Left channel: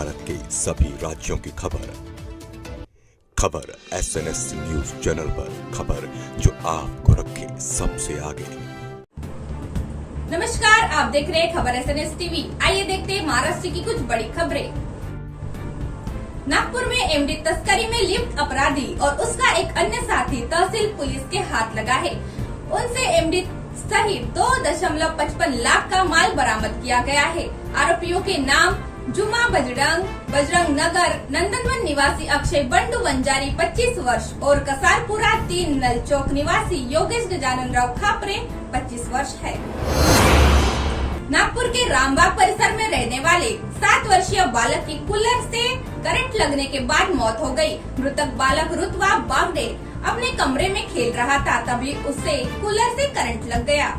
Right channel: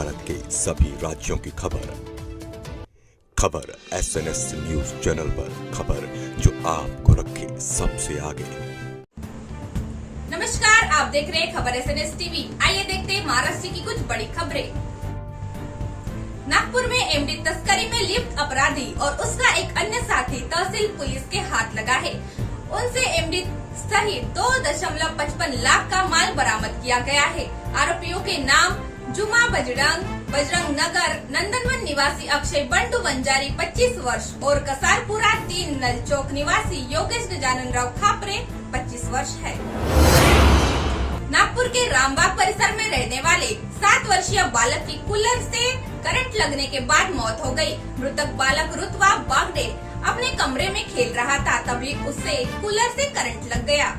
भारत के सभी राज्यों की खबर SNS न्यूज चैनल पर, खबर जो आपको रखे सबसे आगे। नमस्कार, आप देख रहे हैं खबर SNS टीवी। आइए देखते हैं महाराष्ट्र की कुछ बड़ी खबरें। नागपुर में एमडी तस्करी में लिप्त अपराधी और उसका एक अन्य साथी तहसील पुलिस के हाथ लगा है। उनसे एमडी सहित 2.55 लाख का माल बरामद किया गया है। आरोपियों के नाम जुमा बजरंग नगर नंदनवन निवासी अक्षय बंडू वंजारी 25 वर्ष और कसारपुरा 3 नल चौक निवासी योगेश गजानन राव खापरे 25 वर्ष है। नागपुर के रामबाग परिसर में रहने वाले 7 वर्षीय बालक की कूलर से करंट लगने के बाद मौत हो गई। मृतक बालक रुतवा बागडे अपने कमरे में खेल रहा था, तभी उसे कूलर से करंट लग गया।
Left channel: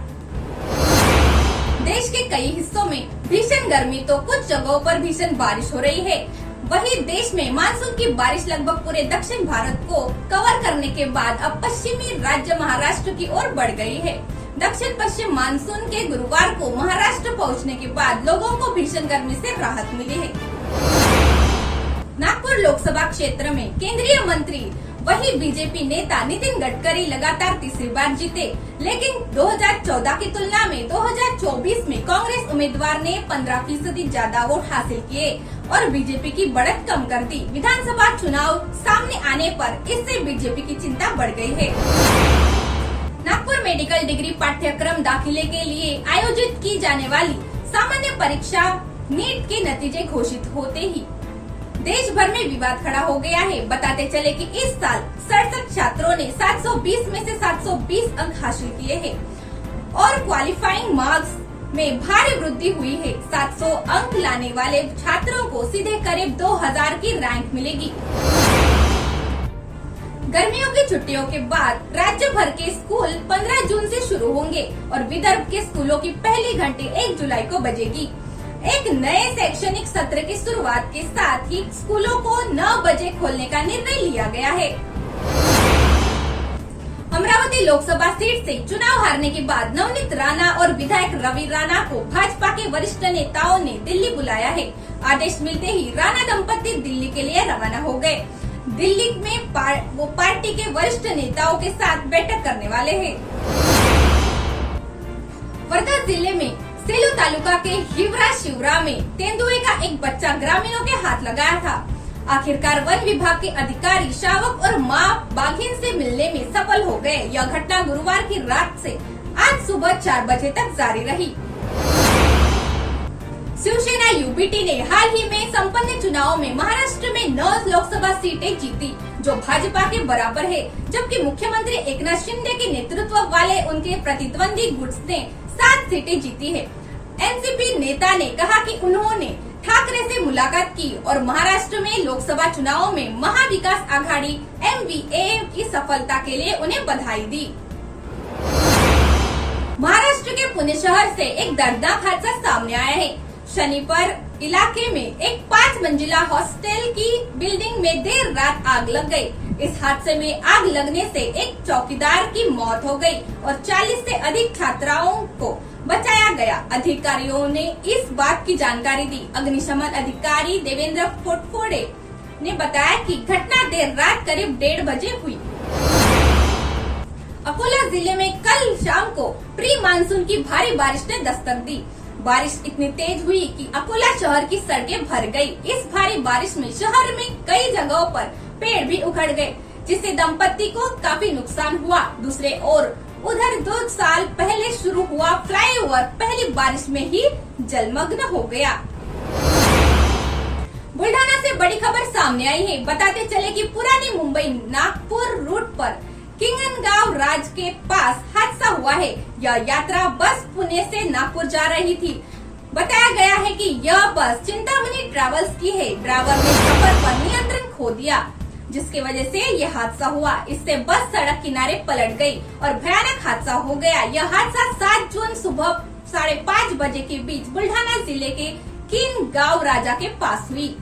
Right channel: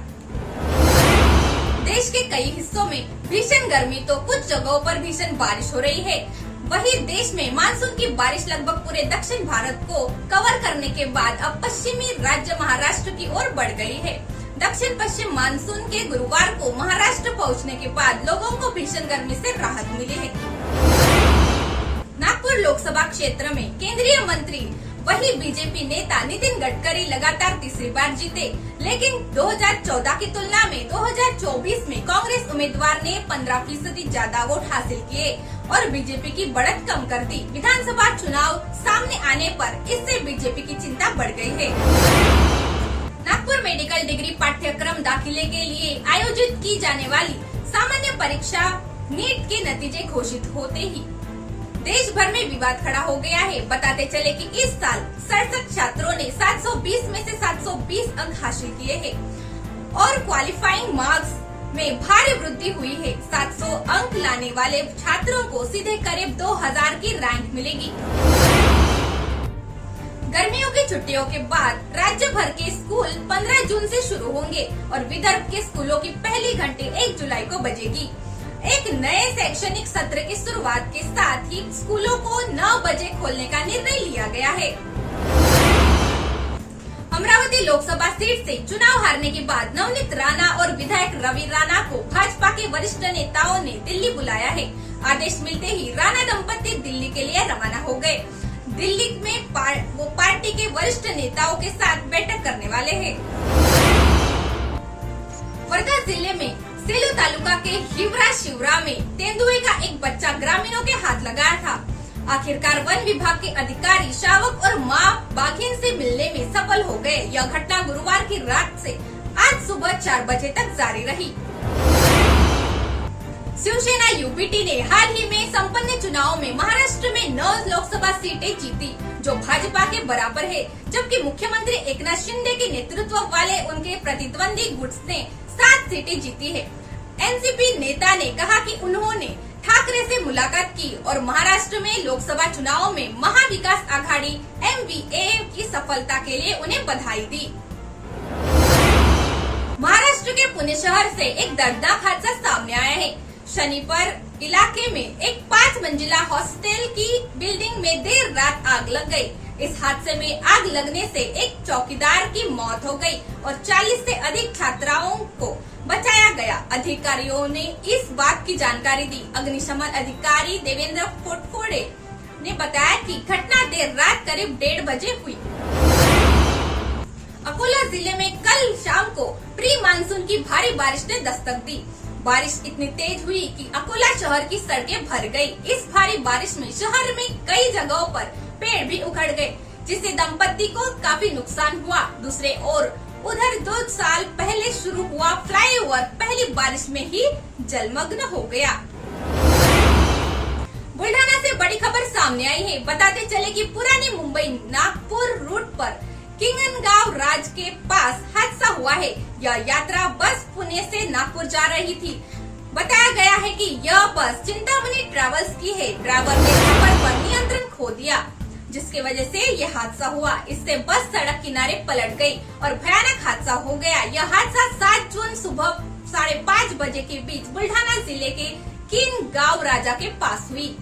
देश के कई हिस्सों में भीषण गर्मी तो कुछ जगहों पर भीषण बारिश हो रही है। वहीं देश में मानसून की बारिश लगभग पूरे दक्षिण भारत को कवर करने के बाद अब पश्चिमी राज्य महाराष्ट्र की ओर बढ़ गई है। दक्षिण पश्चिम मानसून के गुरुवार को महाराष्ट्र पहुंचने के बाद लोगों को भीषण गर्मी से राहत मिली है। नागपुर लोकसभा क्षेत्र में केंद्रीय मंत्री वही बीजेपी नेता नितिन गडकरी लगातार तीसरी बार जीते, लेकिन 2014 की तुलना में 2024 में कांग्रेस उम्मीदवार ने 15% ज्यादा वोट हासिल किए और बीजेपी की बढ़त कम कर दी। विधानसभा चुनाव सामने आने पर इससे बीजेपी की चिंता बढ़ गई है। नागपुर मेडिकल डिग्री पाठ्यक्रम दाखिले के लिए आयोजित की जाने वाली सामान्य परीक्षा नीट के नतीजे घोषित होते ही देश भर में विवाद खड़ा हो गया है। बताते चले कि इस साल 67 छात्रों ने 720 में से 720 अंक हासिल किए हैं और क्वालिफाइंग मार्क्स में भारी वृद्धि हुई है। 700 अंक लाने वाले छात्रों को सीधे करीब 2000 की रैंक मिलेगी। गर्मियों की छुट्टियों के बाद राज्य भर के स्कूल 15 जून से शुरू होंगे और विदर्भ के स्कूलों की पहली घंटी 1 जुलाई को बजेगी। एक नए शैक्षणिक सत्र की शुरुआत के साथ ही स्कूलों को 9 बजे खोलने का निर्णय लिया गया है। अमरावती लोकसभा सीट से चुनाव हारने के बाद नवनीत राणा और विधायक रवि राणा को भाजपा के वरिष्ठ नेताओं ने दिल्ली बुलाया है। आदेश मिलते ही राणा दंपति दिल्ली के लिए रवाना हो गए। दिल्ली में वो पार्टी के वरिष्ठ नेताओं के साथ बैठक करने वाले हैं। वर्धा जिले में सेलू तालुका के हिवरा शिवरा में तेंदुए का एक बच्चा ग्रामीणों के हाथ लगाया था। आखिरकार वन विभाग के अधिकारी शावक और मां बाघिन से मिलने में सफल हो गए। यह घटना गुरुवार की रात से आज सुबह 4 बजे तक जारी रही। शिवसेना यूबीटी ने हाल ही में संपन्न चुनावों में महाराष्ट्र में 9 लोकसभा सीटें जीती, जो भाजपा के बराबर है, जबकि मुख्यमंत्री एकनाथ शिंदे के नेतृत्व वाले उनके प्रतिद्वंदी गुट ने 7 सीटें जीती है। एनसीपी नेता ने कहा कि उन्होंने ठाकरे से मुलाकात की और महाराष्ट्र में लोकसभा चुनावों में महाविकास आघाड़ी MVA की सफलता के लिए उन्हें बधाई दी। महाराष्ट्र के पुणे शहर से एक दर्दनाक हादसा सामने आया है। शनिवार इलाके में एक 5 मंजिला हॉस्टल की बिल्डिंग में देर रात आग लग गई। इस हादसे में आग लगने से एक चौकीदार की मौत हो गई और 40 से अधिक छात्राओं को बचाया गया। अधिकारियों ने इस बात की जानकारी दी। अग्निशमन अधिकारी देवेंद्र फोटफोड़े ने बताया कि घटना देर रात करीब 1:30 बजे हुई। अकोला जिले में कल शाम को प्री मानसून की भारी बारिश ने दस्तक दी। बारिश इतनी तेज हुई कि अकोला शहर की सड़कें भर गई। इस भारी बारिश में शहर में कई जगहों पर पेड़ भी उखड़ गए, जिससे दंपति को काफी नुकसान हुआ। दूसरे ओर उधर 2 साल पहले शुरू हुआ फ्लाईओवर पहली बारिश में ही जलमग्न हो गया। बुल्ढाना से बड़ी खबर सामने आई है। बताते चले कि पुरानी मुंबई नागपुर रूट पर किंगनगांव राज के पास हादसा हुआ है। यह यात्रा बस पुणे से नागपुर जा रही थी। बताया गया है कि यह बस चिंतामणि ट्रैवल्स की है। ड्राइवर ने सफर पर नियंत्रण खो दिया, जिसकी वजह से यह हादसा हुआ। इससे बस सड़क किनारे पलट गई और भयानक हादसा हो गया। यह हादसा 7 जून सुबह 5:30 बजे के बीच बुल्ढाना जिले के किंगनगांव राजा के पास हुई।